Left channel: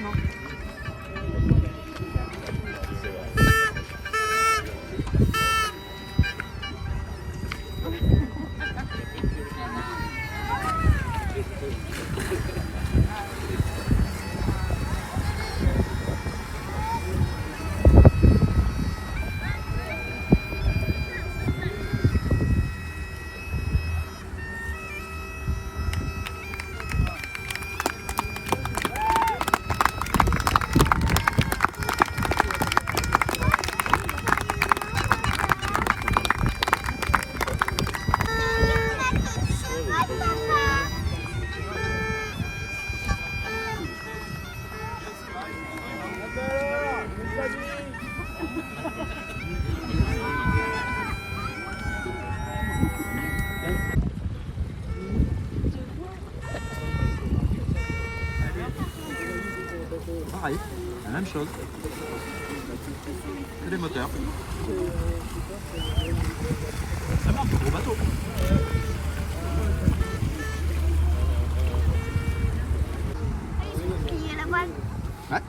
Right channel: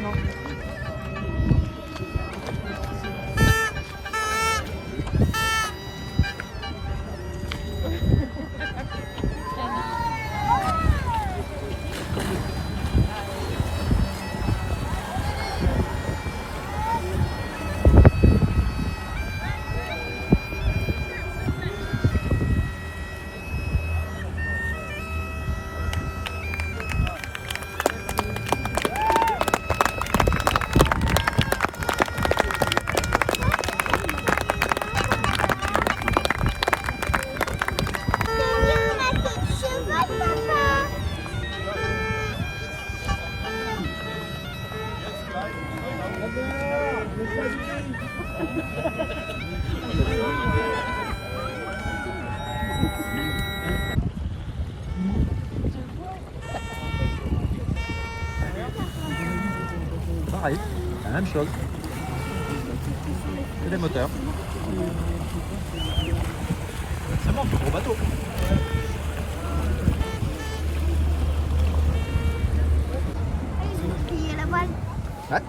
non. Pareil, la même chose. C'est des moteurs. Ça marche, gros bateau. Il y a la voile. Ouais.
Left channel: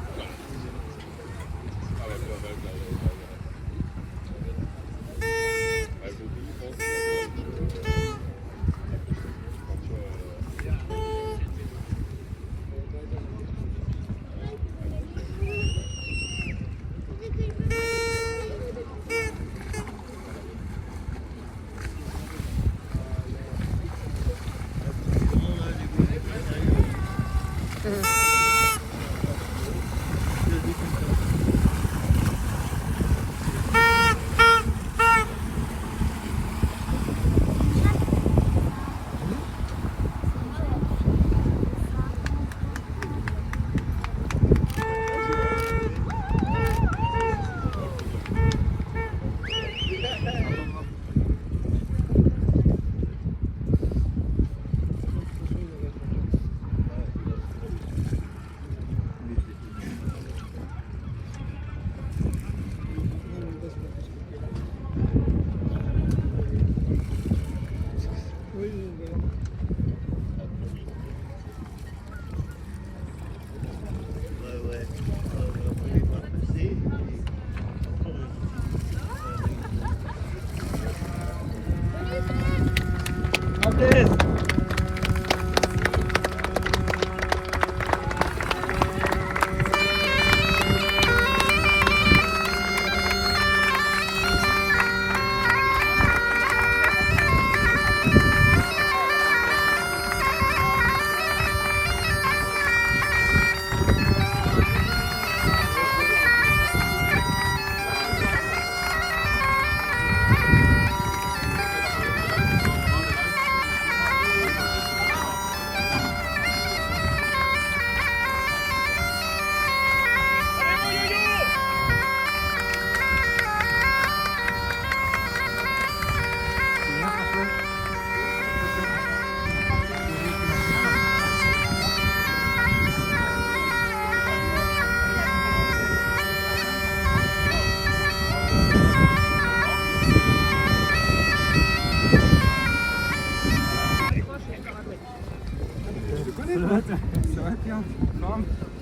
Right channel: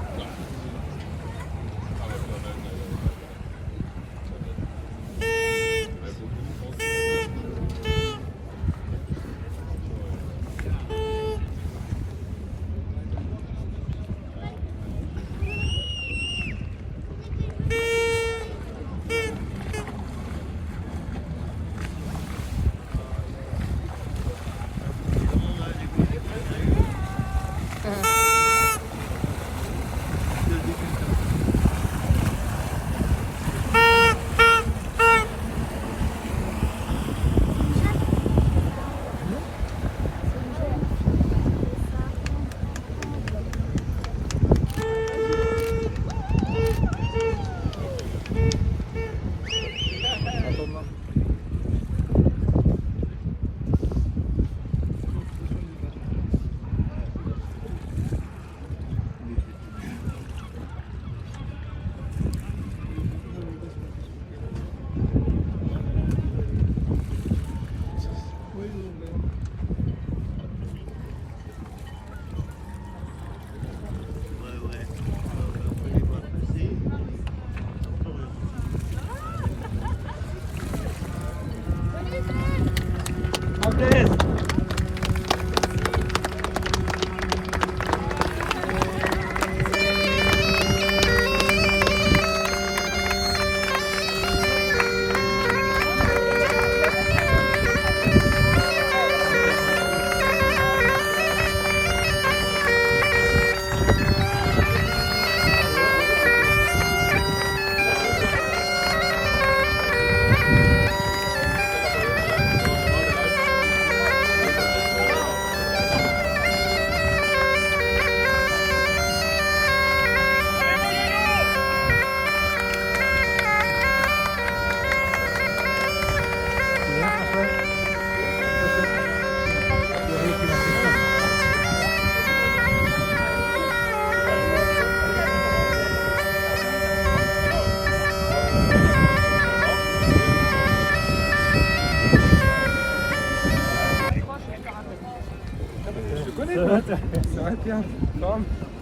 Ça va bien.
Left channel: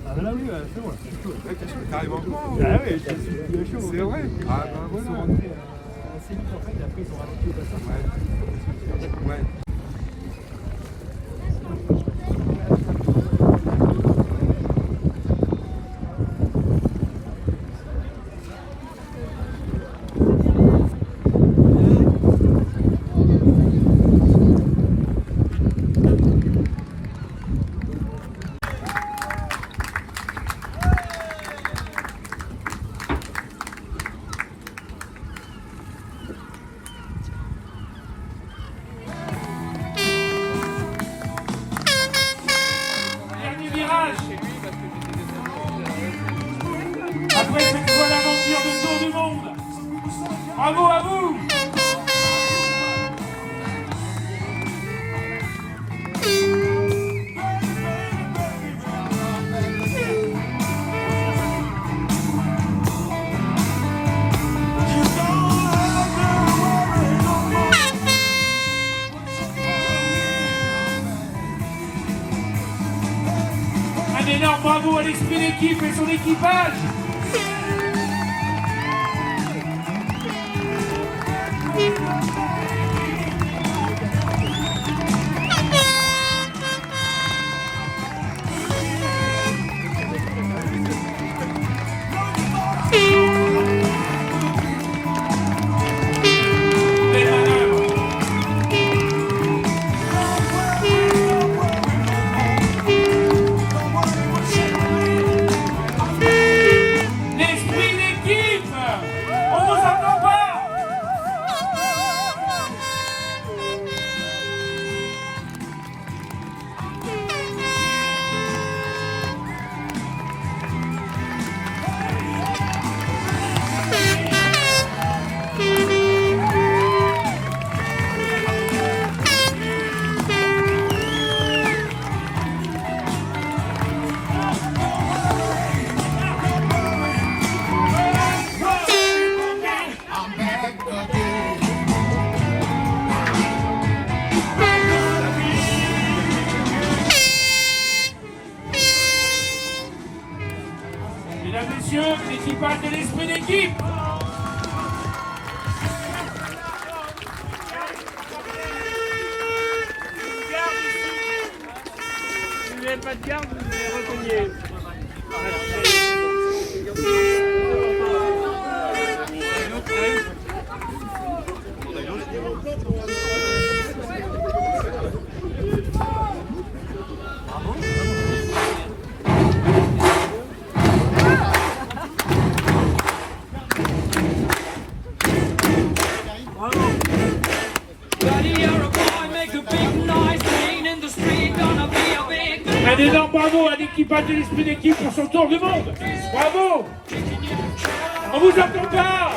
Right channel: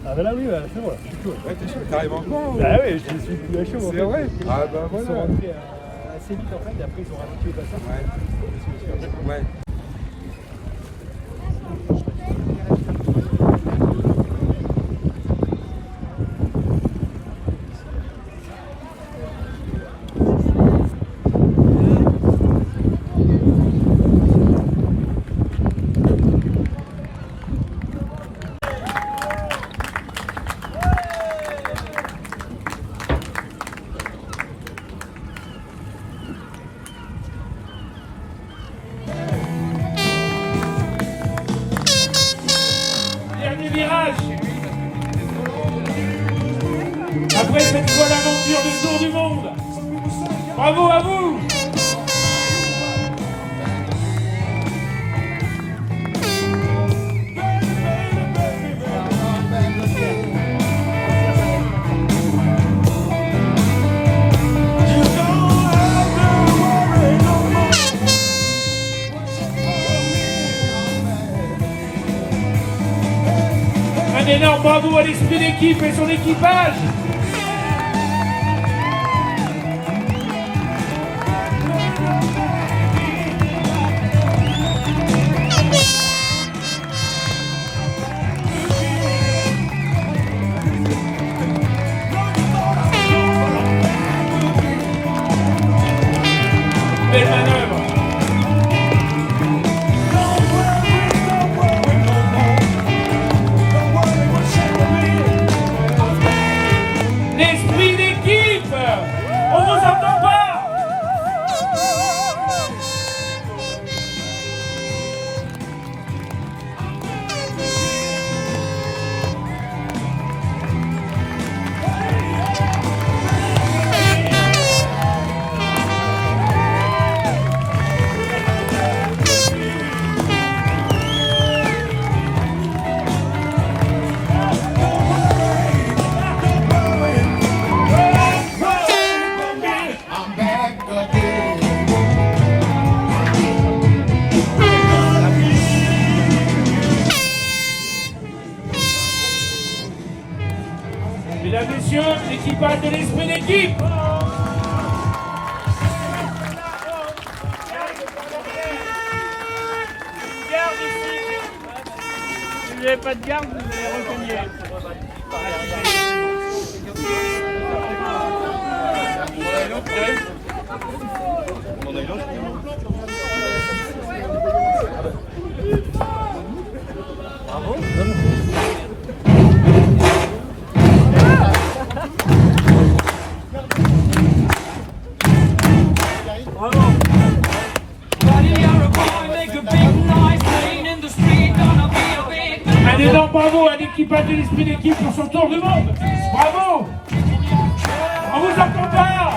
Ah bah là oui, ouais, c'est bon. Ouais, t'arrives encore Bah oui, je suis plus à chaud. C'est vrai. Ah bah Ils sont voilà. rentrés assez vite en fait, et après ils sont ralenti au passage. Ouais. Ouais. Dernier virage. Après cette folle aventure du tour du monde. Bravo à vous. énorme bravo à l'esprit d'équipe et son équipage. Belle manœuvre. L'esprit d'équipe. On vous entend pas. Mesdames, messieurs, l'équipage de l'esprit d'équipe. Si vous n'avez pas de garde, vous allez renseigner. Un énorme bravo à l'équipage de l'esprit d'équipe pour son tour du monde. Bravo. On vous entend pas.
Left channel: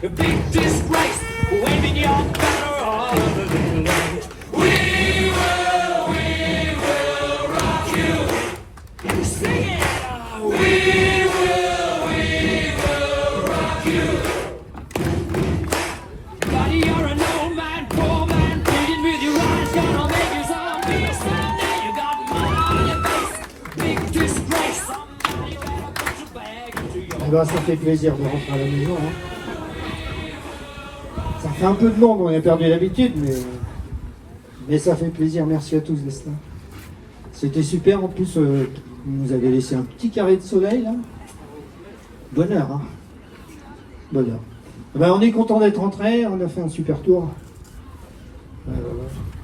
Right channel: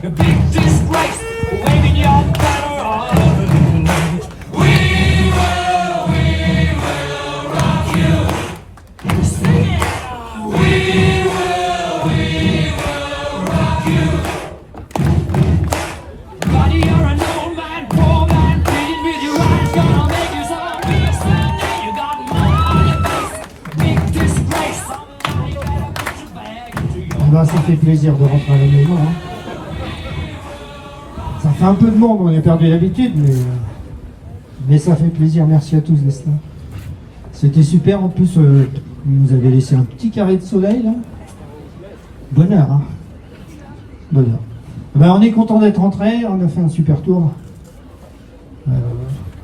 The big disgrace, waving your banner on. We will rock you. Sing it. We will rock you. Buddy, you're an old man, poor man, pleading with your eyes, gonna make you so real someday. You got mud on your face, big disgrace. You better put your bag into your. Eh ben, ça fait plaisir de rentrer à la maison. Hein. Ça fait un peu de monde, on a perdu l'habitude, mais ça fait plaisir. Merci à tous d'être là. C'était super, en plus, vous nous avez laissé un petit carré de soleil, là. Bonheur, hein. Bonheur. Eh ben, on est content d'être rentré, on a fait un super tour.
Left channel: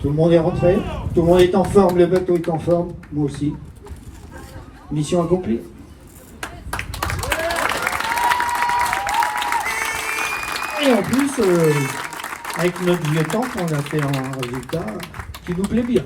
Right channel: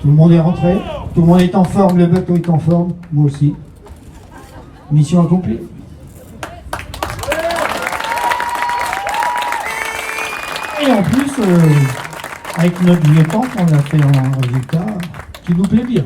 Tout le monde est rentré, tout le monde est en forme, le bateau est en forme, moi aussi. Mission accomplie. Et en plus, avec notre vieux temps, on a fait un résultat qui nous plaît bien.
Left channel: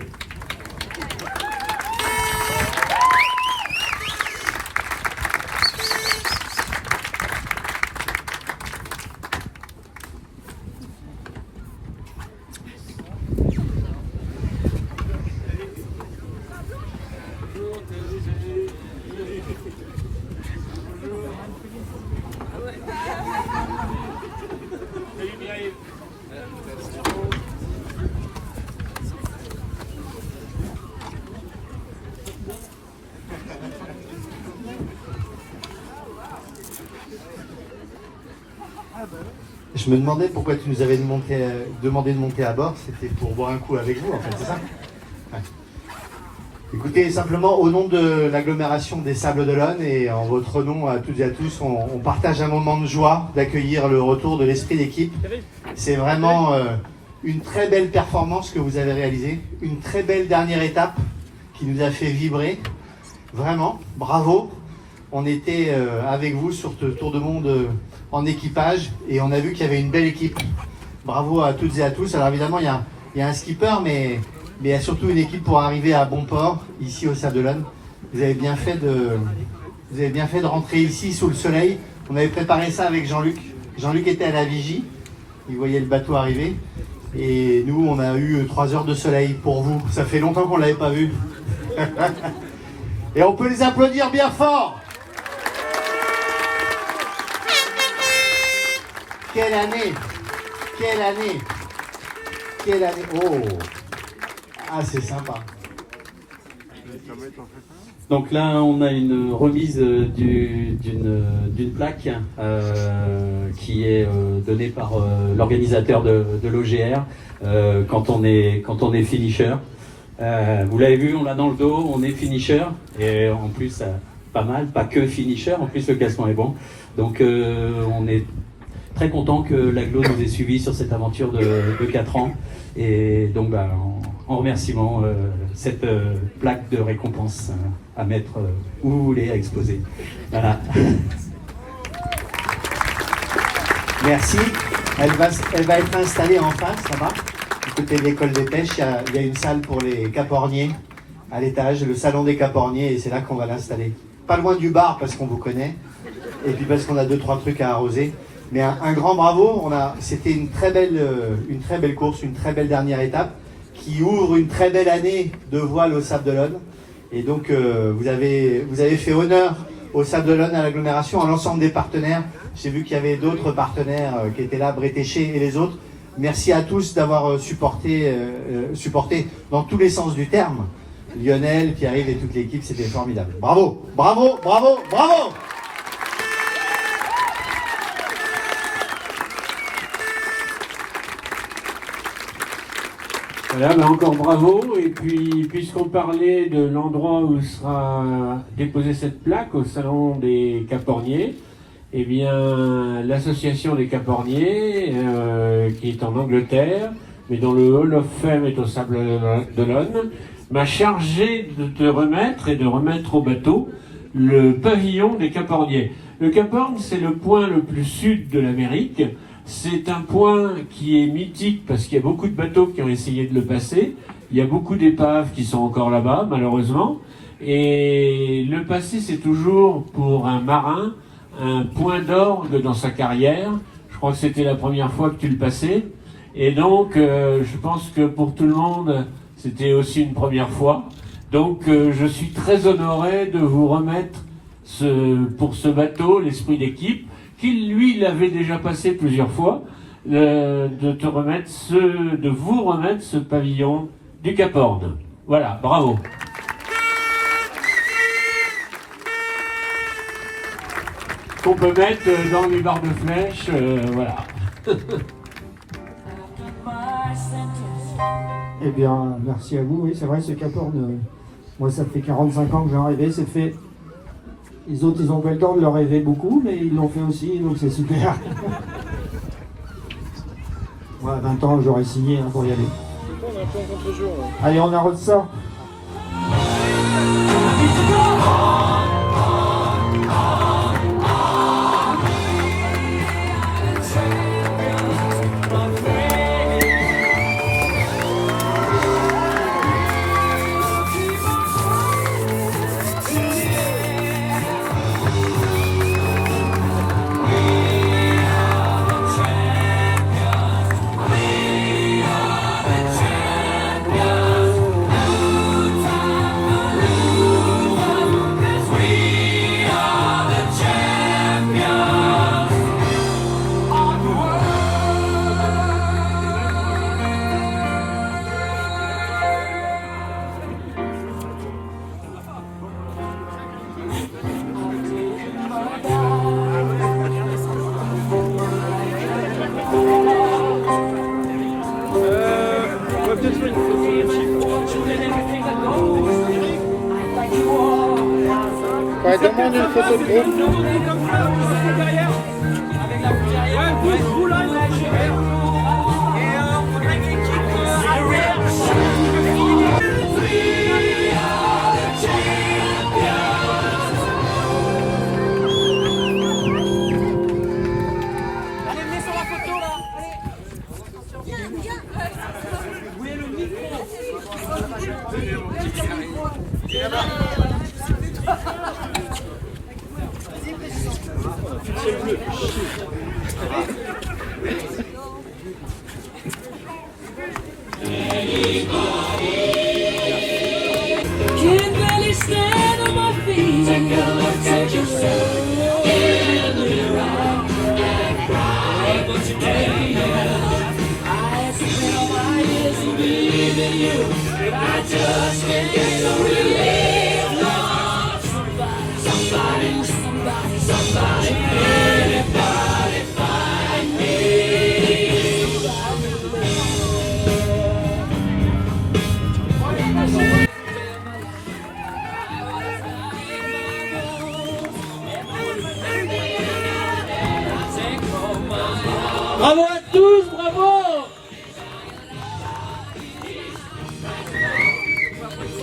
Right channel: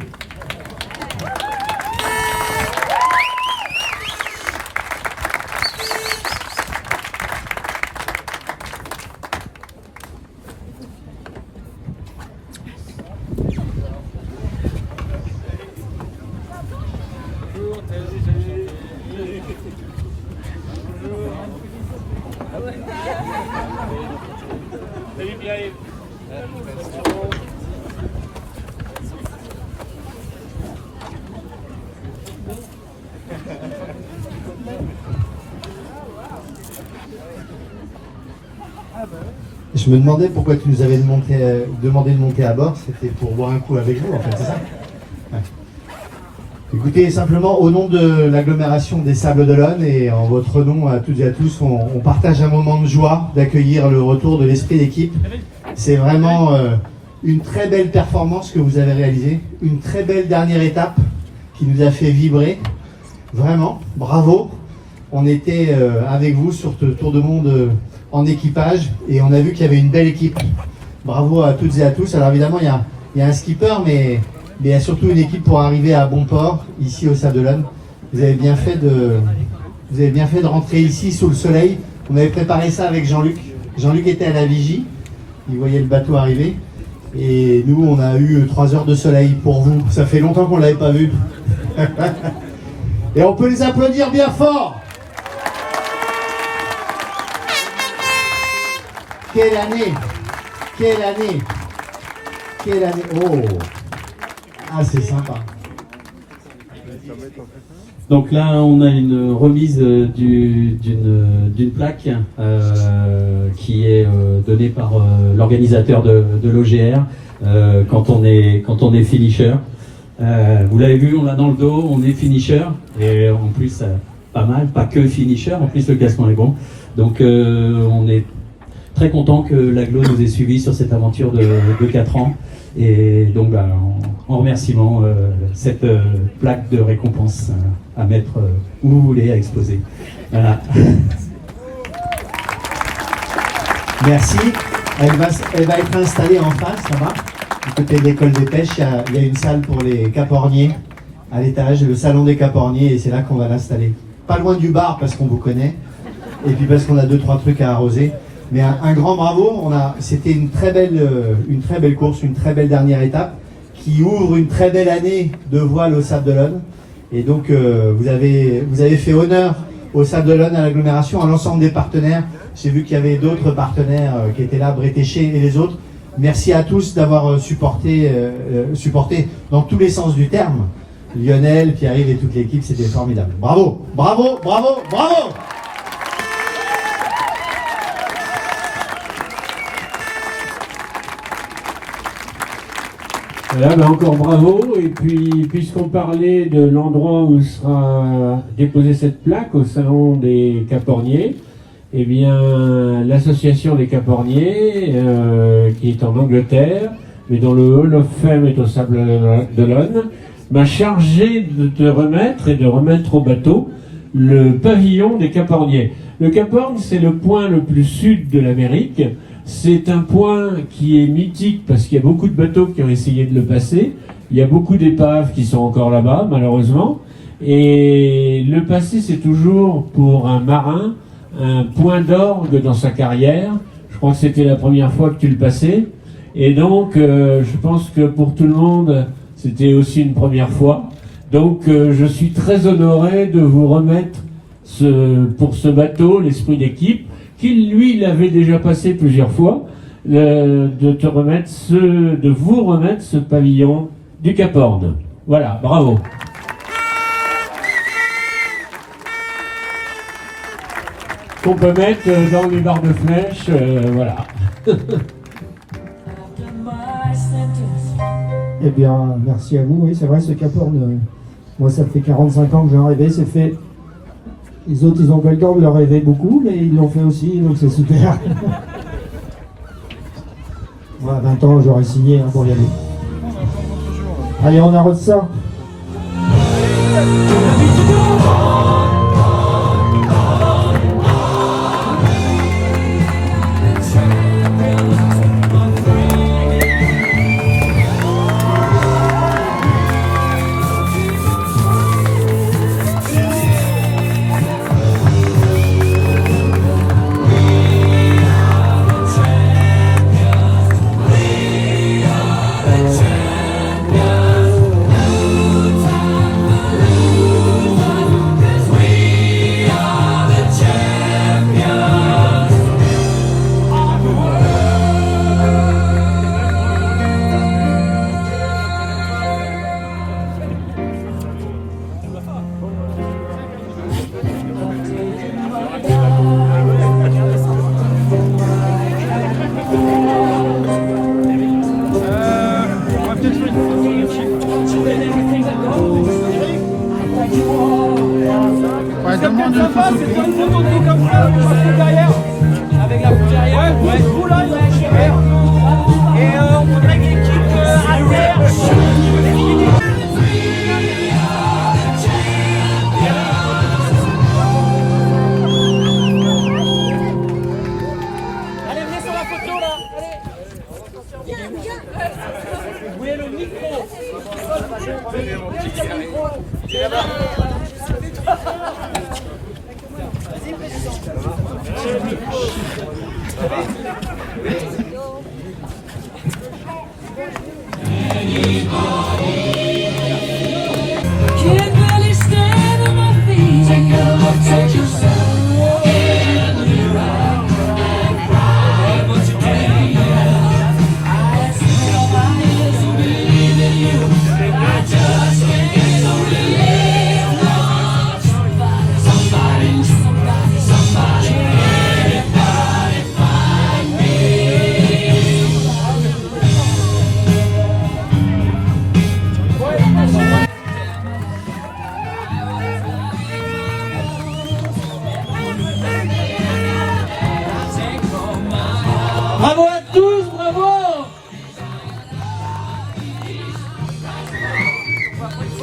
Je me demandais pourquoi tu nous avais demandé de monter à bord. C'était pour boire un coup avec vous, en fait, c'est ça? Ouais. Écoutez, simplement, au nom de l'agglomération des Sables d'Olonne et en votre nom à toutes et à tous, on partage un moment de joie d'accueillir le retour de l'esprit d'équipe. C'est vraiment une très belle performance que vous avez réalisée, une très belle dernière étape qui nous a fait vibrer. Vraiment, bravo. On était avec vous sur ce tour de monde en équipage et on a vu qu'il y avait une belle équipe. Bravo à toutes et à tous. Alors évidemment, il y a un skipper, mais il y a surtout une équipe pour arriver à bon port, ici au Sables d'Olonne. Vous avez bien fait de rentrer ici sous le soleil. On avait préparé ça avec Jean-Luc. Jean-Luc était à la vigie. Il voyait le bateau arriver. Et nous, on a eu 3 heures de soleil pour vous. Ça fait longtemps qu'on ne l'avait pas vu. Et on peut les applaudir bien fort. Quelle année! Quelle année! Quelle année! Oh! Ah, c'est sympa. Donc là, on a une remise d'une plaque qui est donnée par l'organisateur de l'OGR quand on est finisher. Vous l'avez vu, on l'a dans le dos, on est finisher et en plus pas mal, pas que finisher, en plus le classement est bon. Donc on est très content que l'Aglo nous ait suivis sur cette aventure de 4 ans. Et donc, en remerciement, cette plaque de récompense à mettre où vous voulez, à exposer. Voilà. Merci. Elle va être installée en face, là-bas. Du côté de l'école des pêches, il y a une salle pour les caporniers à l'étage, le salon des caporniers, et c'est là qu'on va l'installer. Pas loin du bar, parce qu'on vous connaît, et puis parce qu'on a 2-3 trucs à arroser. Mais un grand bravo, c'était une très belle course, une très belle dernière étape qui ouvre une très belle année de voile au Sable d'Olonne. Et donc vous avez fait honneur au Sable d'Olonne, à l'agglomération, à l'ensemble des partenaires. J'ai vu qu'il y avait d'autres partenaires qui étaient là, Bretéché et les autres. Merci à tous d'avoir supporté dans tous les sens du terme. Lionel, Pierre-Yves et toute l'équipe, c'était formidable. Bravo, bravo, bravo, bravo! Voilà, encore bravo. Et puis, puisqu'on parlait de l'endroit où sera déposée cette plaque au salon des Caporniers, eh bien, l'association des Caporniers, qui est en Angleterre, mais dont le Hall of Fame est au Sable d'Olonne, m'a chargé de te remettre et de remettre au bateau le pavillon des Caporniers. Le Cap Horn, c'est le point le plus sud de l'Amérique. C'est un point qui est mythique parce qu'il y a beaucoup de bateaux qui ont essayé de le passer. Il y a beaucoup d'épaves qui sont encore là-bas, malheureusement. Et le passer, c'est toujours pour un marin un point d'orgue dans sa carrière. Je crois que c'était la première fois que tu le passais. Et donc, je pense que pour tout le monde, c'était aussi une première fois. Donc, je suis très honoré de vous remettre pour ce bateau, l'esprit d'équipe, qui lui l'avait déjà passé plusieurs fois, de vous remettre ce pavillon du Cap Horn. Voilà, bravo. Qu'on peut mettre dans les barres de flèches, voilà. Eh bien, merci à vous. Oui, c'est vrai, ce Cap Horn, moi, ça fait 45 ans que j'en rêvais, c'est fait. Les autres, ils ont pas le temps de le rêver beaucoup, mais ils l'ont fait aussi, donc c'est super. Moi, à 20 ans, j'aurais signé pour y aller. Allez, on arrête ça. Demande une photo de groupe. Avec la bouteille derrière, vous êtes vous là, et on voudrait une équipe arrière. Allez, venez sur la photo là, allez. Viens, viens. Vous voulez le micro? Il est là-bas. Can't really stand on my feet. Take a look at yourself in the mirror. What you doing? I see nobody is believing you. I just can't get no relief. Somebody, somebody, somebody, anybody find me. Bravo à tous, bravo!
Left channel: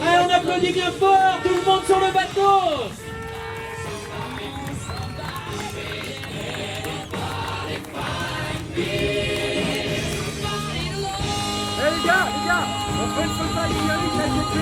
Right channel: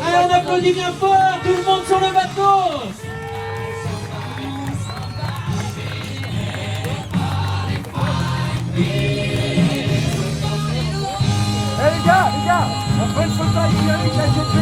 Allez, on applaudit bien fort, tout le monde sur le bateau! Les gars, après le photo avec Eric, la GP.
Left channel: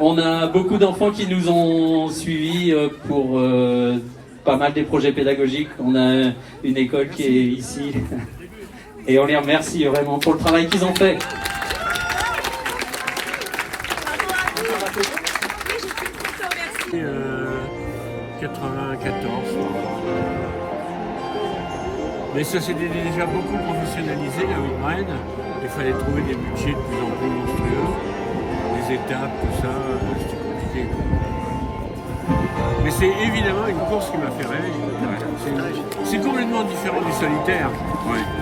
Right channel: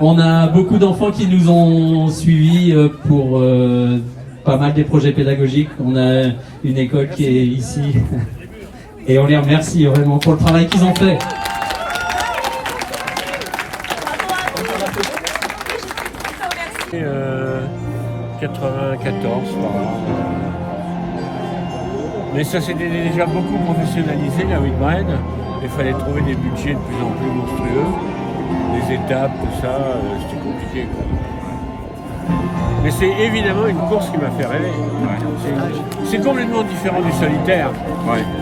On a beaucoup d'enfants qui nous ont suivis pour pas mal des projets pédagogiques. On a une école qui est ici et on les remercie vraiment pour le travail qu'ils ont fait. Euh, 94, voilà. Mais ça s'était déjà beaucoup professionnalisé, la Whitbread. Il fallait trouver des budgets de plus en plus monstrueux. Les étapes, tout ça, c'était compliqué, quoi. Mais c'est évidemment une course qui m'a fait rêver. C'est complètement différent du solitaire.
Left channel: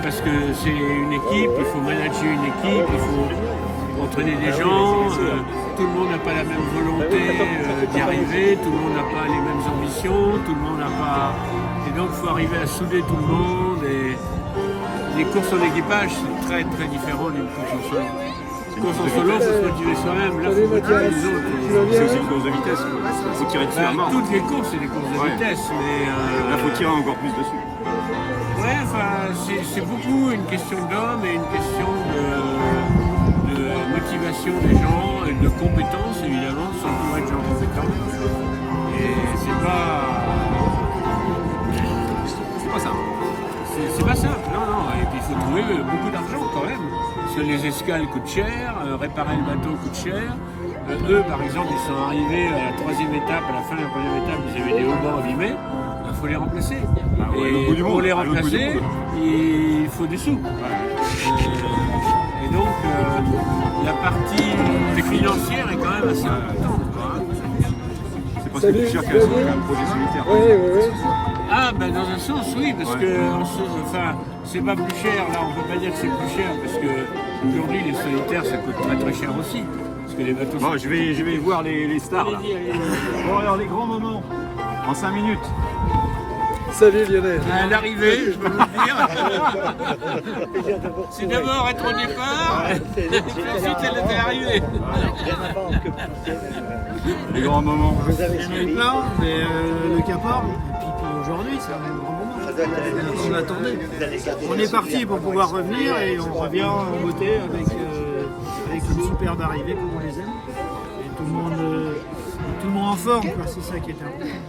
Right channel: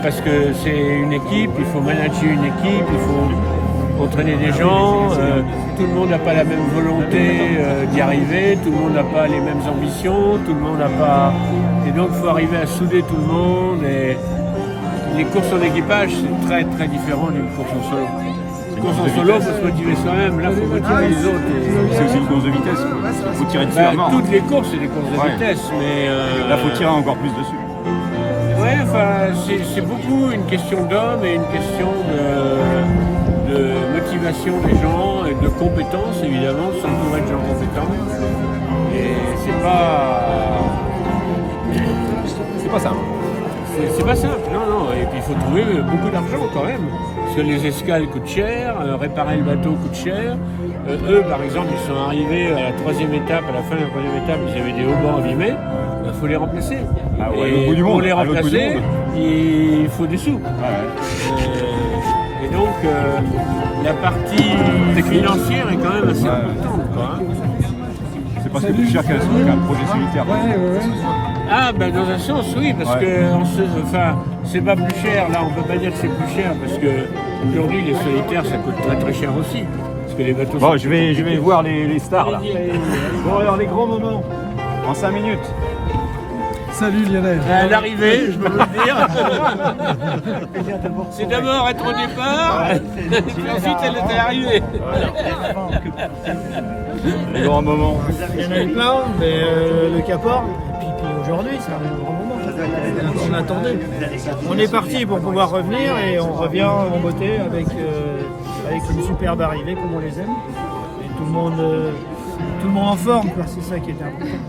Parce que c'est une équipe, il faut manager une équipe, il faut entraîner des gens. Tout le monde n'a pas la même volonté d'y arriver, tout le monde n'a pas les mêmes ambitions, tout le monde n'a pas... Et donc il faut arriver à souder tout le monde. Et les courses en équipage, c'est très très différent d'une course en solo. Une course en solo, il faut se motiver soi-même, là il faut motiver les autres. C'est une course de vitesse, quoi. Il faut tirer dessus à mort. Toutes les courses, c'est des courses de vitesse, mais... Là, il faut tirer encore plus dessus. Ouais, enfin, c'est beaucoup une question d'homme et une question de motivation des gens et de compétences, évidemment, de s'entourer de gens compétents. Et c'est pas... C'est pas ça. C'est pas simple, non. Et puis il faut trouver beaucoup d'argent quand même. Parce que les escales coûtent cher, réparer le bateau coûte cher. Eux, par exemple, ils sont arrivés à la 3e étape, à la fin de la 3e étape, ils avaient des haubans abîmés. Il faut les remplacer. Ah ouais, Et pour les remplacer, il faut des sous. Et donc, la partie financière est quand même assez importante, quoi. C'est presque plus cher qu'un projet solitaire. Ah, ben dans un sens, oui, parce que c'est pas plus cher. Là, on peut pas dire que c'est plus cher, parce que aujourd'hui, les solitaires, ça coûte très très cher aussi. Parce que les bateaux Bon, je vais voir les stars, là. Bon, alors, les grands moments, en 5 minutes. Salut Lionel. À l'arrivée, je peux vous le dire. C'est d'abord être au départ, et ensuite elle était arrivée. Les grands moments. Il y en a eu plein, mais le Cap Horn, et puis aujourd'hui, c'est un grand moment. On attendait. On est parti pour pouvoir revenir et on revient en beauté avec une superbe arrivée comme on les aime. Et tout le monde en forme, quoi. C'est ça qui était important.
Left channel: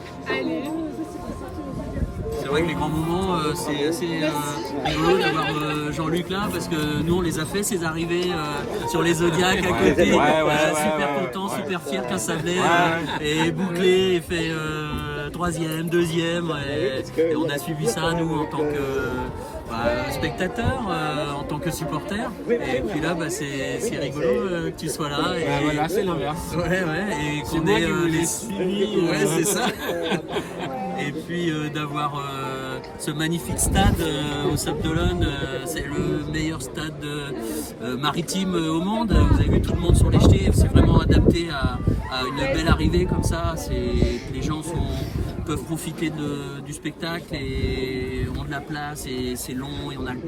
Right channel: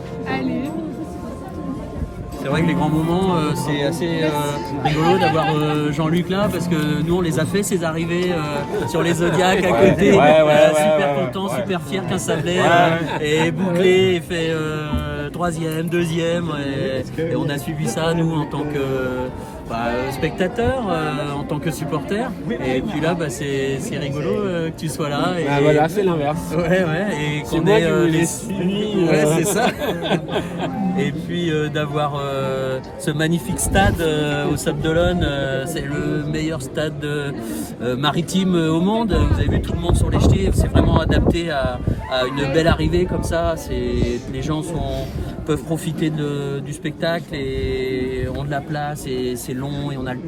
C'est vrai que les grands moments, c'est assez rigolo d'avoir Jean-Luc là, parce que nous on les a fait ces arrivées sur les Zodiacs à côté, super content, super fier qu'un Sablé est bouclé et fait 3e, 2e, et on a suivi ça nous en tant que spectateur, en tant que supporter, et puis là c'est rigolo que tu sois là. Et, Voilà, c'est l'inverse. Ouais, et qu'on ait ouais, c'est ça. Et puis d'avoir ce magnifique stade au Sable d'Olonne, c'est le meilleur stade maritime au monde. Vous avez vu tout le monde sur les jetés, c'est vraiment adapté à une belle arrivée comme ça. Les gens peuvent profiter du spectacle et ont de la place, et c'est long et on a le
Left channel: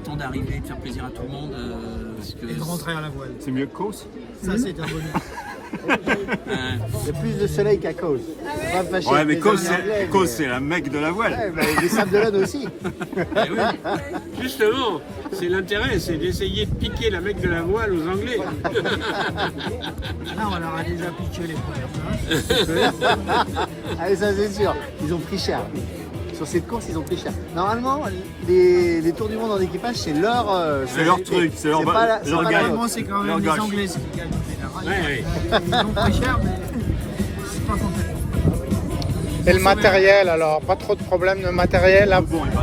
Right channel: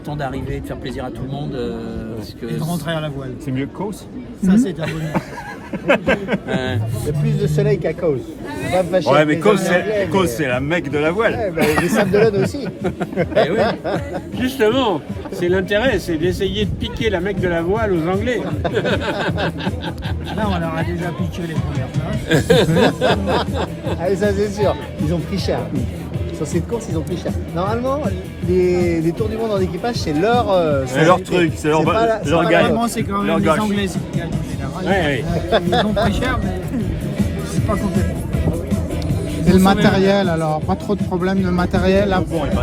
temps d'arriver, de faire plaisir à tout le monde. Et de rentrer à la voile. C'est mieux que Kos. Ça, c'est un bonheur. Il y a plus de soleil qu'à Cause. On va me fâcher Ouais, avec mais les Cause, Anglais, c'est la mecque de la voile. Ouais, bah, les Sables d'Olonne aussi. Eh oui. Justement, c'est l'intérêt, c'est d'essayer de piquer la mecque de la voile aux Anglais. Là, on leur a déjà piqué les premières places. Allez, ça c'est sûr. Ils ont pris cher. Sur cette course, ils ont pris cher. Normalement, les Tours du Monde en équipage, c'est leur... C'est leur truc, c'est leur pas la- leur c'est pas gagne. Vraiment, c'est quand même Leur les gage. Anglais qui gagnent en général. Ouais, Ils ont pris cher, mais c'est pas complètement. Et le matériel, alors, pas trop de problèmes de matériel,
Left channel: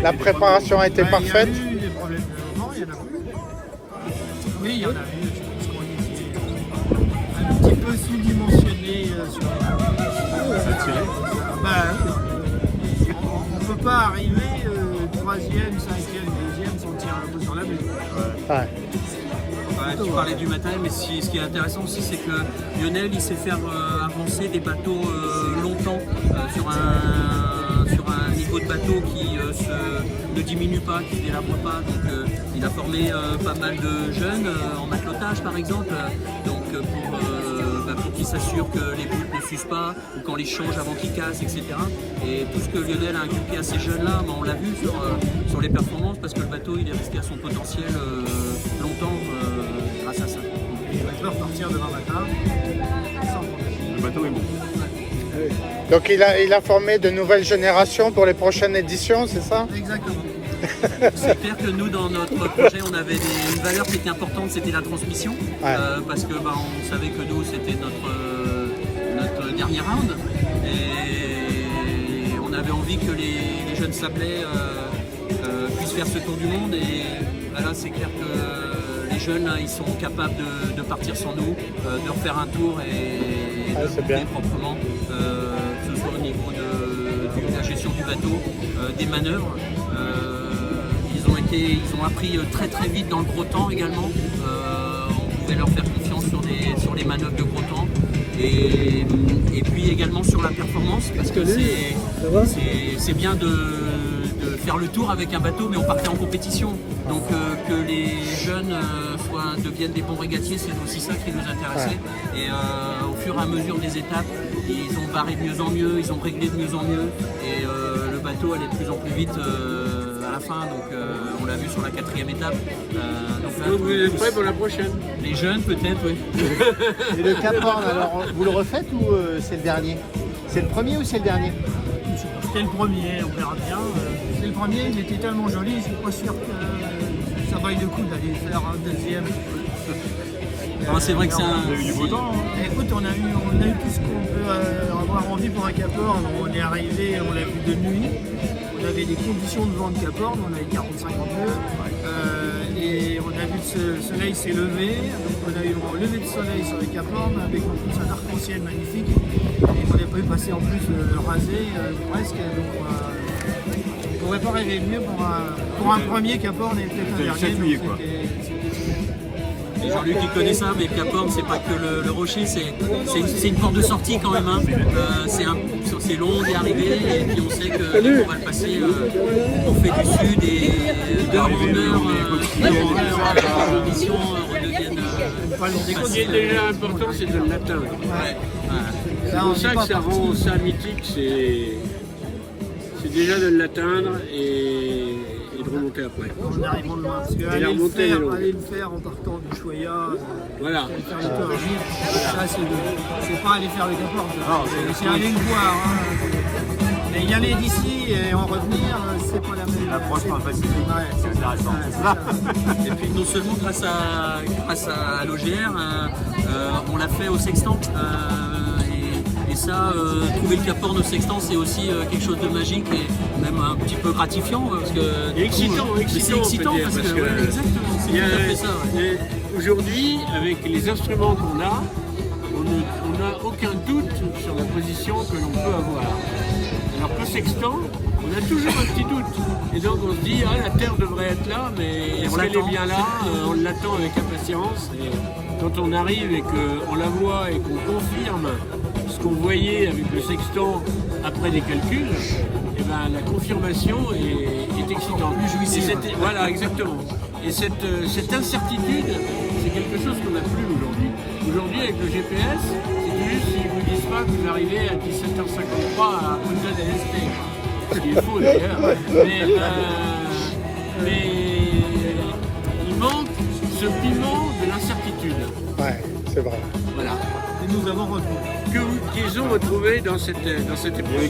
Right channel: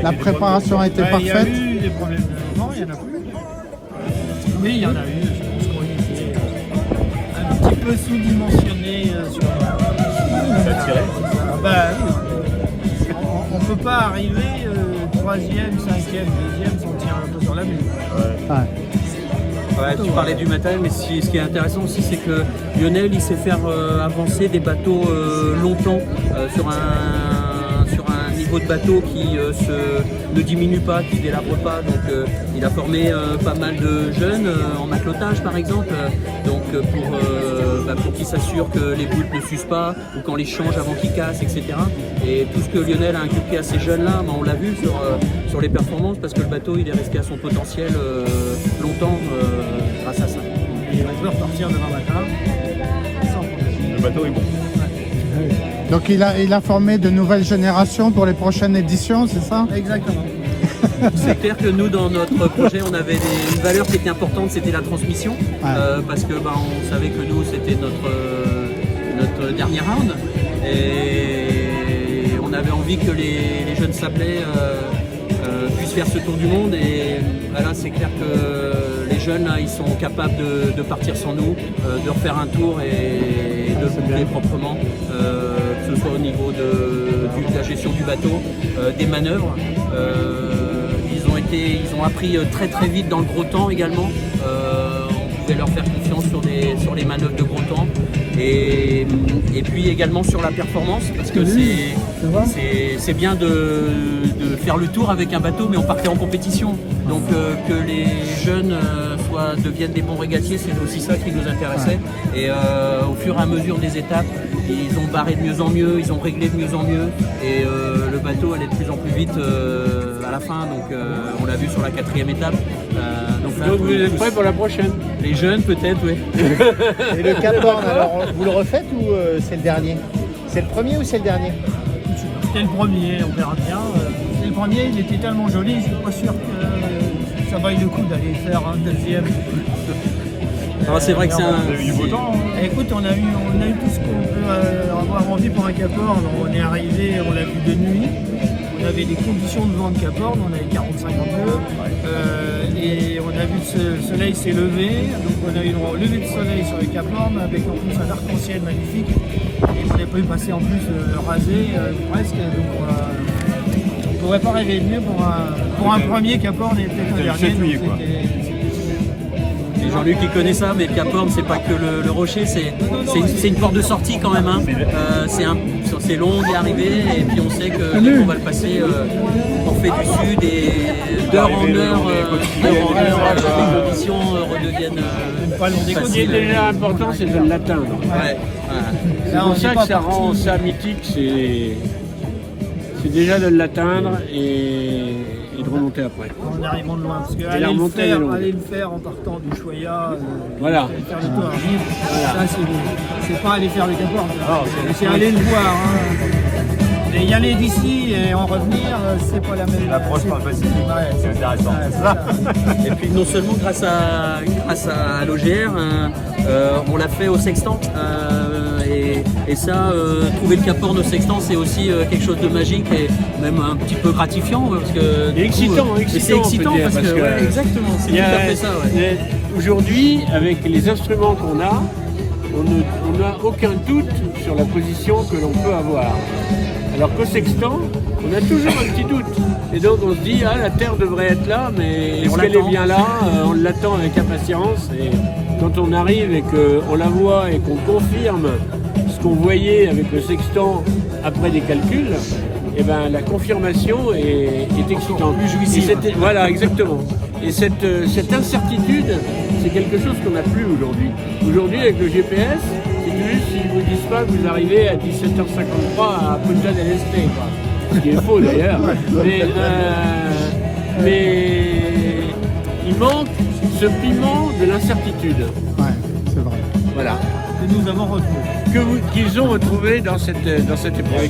la préparation a été Il y a parfaite. eu des problèmes de... Non, il n'y en a plus. Oui, il y en a eu. Je pense qu'on était un petit peu sous-dimensionné sur... Ça tirait. Bah oui. On ne peut pas arriver 3e, 5e, 2e sans tirer un peu sur la mule. Ouais, tu parlais du matériel, mais ce qui est intéressant aussi, c'est que Lionel, il sait faire avancer des bateaux longtemps sur un niveau de bateau qui ne diminue pas, qui ne délabre pas. Donc il a formé pas mal de jeunes en matelotage par exemple, pour qu'ils s'assurent que les boules ne s'usent pas ou qu'on les change avant qu'ils cassent, etc. Et tout ce que Lionel a inculqué à ces jeunes-là, on l'a vu sur les performances, parce que le bateau il est resté à son potentiel longtemps grâce à ça. Et on peut repartir demain matin sans problème. Le bateau est bon. Donc il a formé de nouvelles générations pour les prochaines éditions, c'est ça? Exactement. C'est clair que nous, dans notre projet, on avait une valeur qui était importante, c'était la transmission, parce que on savait que nous, c'était notre dernier round, et on avait envie que les jeunes Sablais puissent faire ce tour du monde, et là, c'est clair que les jeunes, là, ils sont capables de partir sans nous, de refaire un tour et de le monter proprement, que ce soit au niveau de la gestion du bateau, des manœuvres. Ils ont appris très très vite dans le gros temps également. On pouvait leur faire confiance sur les manœuvres de gros temps. Et puis également sur la performance, parce que c'est bien de faire le tour avec un bateau, mais on partait en compétition. Donc que les jeunes deviennent des bons régatiers, c'est aussi ça qui nous intéressait. Et au fur et à mesure des étapes, ils ont barré de mieux en mieux, ils ont réglé de mieux en mieux, et le bateau allait de plus en plus vite à la fin. Donc on l'a vu sur la 4e étape. Donc là, vous êtes prêts pour la prochaine? Les jeunes peut-être, oui. Et le Cap Horn, alors, vous le refaites ou c'est le dernier? C'est le premier ou c'est le dernier? C'était le premier, on verra bien. C'est le premier, il était tellement joli, je suis pas sûr que ça vaille le coup d'aller faire un deuxième. C'est vrai que c'est un... Vous avez eu du beau temps. Écoute, on a eu tout ce qu'on peut avoir envie pour un Cap Horn. On est arrivé, on l'a vu de nuit. On avait des conditions de vent de Cap Horn, on avait 40-52. Et on a vu que le soleil s'est levé. Donc on a eu un lever de soleil sur le Cap Horn avec en plus un arc-en-ciel magnifique. Et on n'a pas eu passer en plus rasé presque. Donc on ne pourrait pas rêver de mieux pour un premier Cap Horn et peut-être un dernier. Donc c'était super. Jean-Luc qui connaît ça, mais le Cap Horn, c'est pas que le rocher, c'est une porte de sortie quand même. Hein. C'est long d'y arriver, et puis on sait que dès qu'on va le passer, on fait du sud et d'heure en heure, les conditions redeviennent pas le long des côtes. Ce qui est important, c'est de l'atteindre. Ouais. Là, C'est on pour n'est ça pas que ça rend ça mythique, c'est déjà de l'atteindre et de remonter après. En arrivant de loin, parce que aller le faire en partant du Choya, Voilà. aller faire le tour à Argir, ça c'est pas aller faire le Cap Horn, c'est aller le voir. Hein. Mais y aller d'ici et en revenir, c'est pas la même. L'approche pas facile. Ouais, C'est intéressant. c'est ça. Et puis non seulement grâce à l'OGR, on l'a fait au sextant. Et ça, trouver le Cap Horn au sextant, c'est aussi quelque chose de magique et même un petit peu gratifiant. Parce que, Et excitant, mais c'est excitant parce que, ouais, exactement, c'est tout à fait ça. Ouais. Aujourd'hui, avec les instruments qu'on a, on n'a aucun doute sur la position que l'on peut avoir. Alors qu'au sextant, on a toujours un petit doute. Et donc on se dit, la Terre devrait être là, mais est-ce qu'elle est bien là? On l'attend avec impatience. Et quand on arrive et qu'on la voit et qu'on confirme ce qu'on voyait avec le sextant après des calculs, eh ben, la confirmation est excitante. Plus jouissive. Voilà, exactement. Et cette incertitude, c'est quelque chose qu'on n'a plus aujourd'hui. Aujourd'hui, avec le GPS, c'est disent pas que vous arrivez à 17h53 à Punta del Este, quoi. Ce qui est faux d'ailleurs. Mais il manque ce piment de l'incertitude. Ouais, c'est vrai. Voilà. Que nous avons retrouvé. Qu'ils ont retrouvé dans cette épreuve.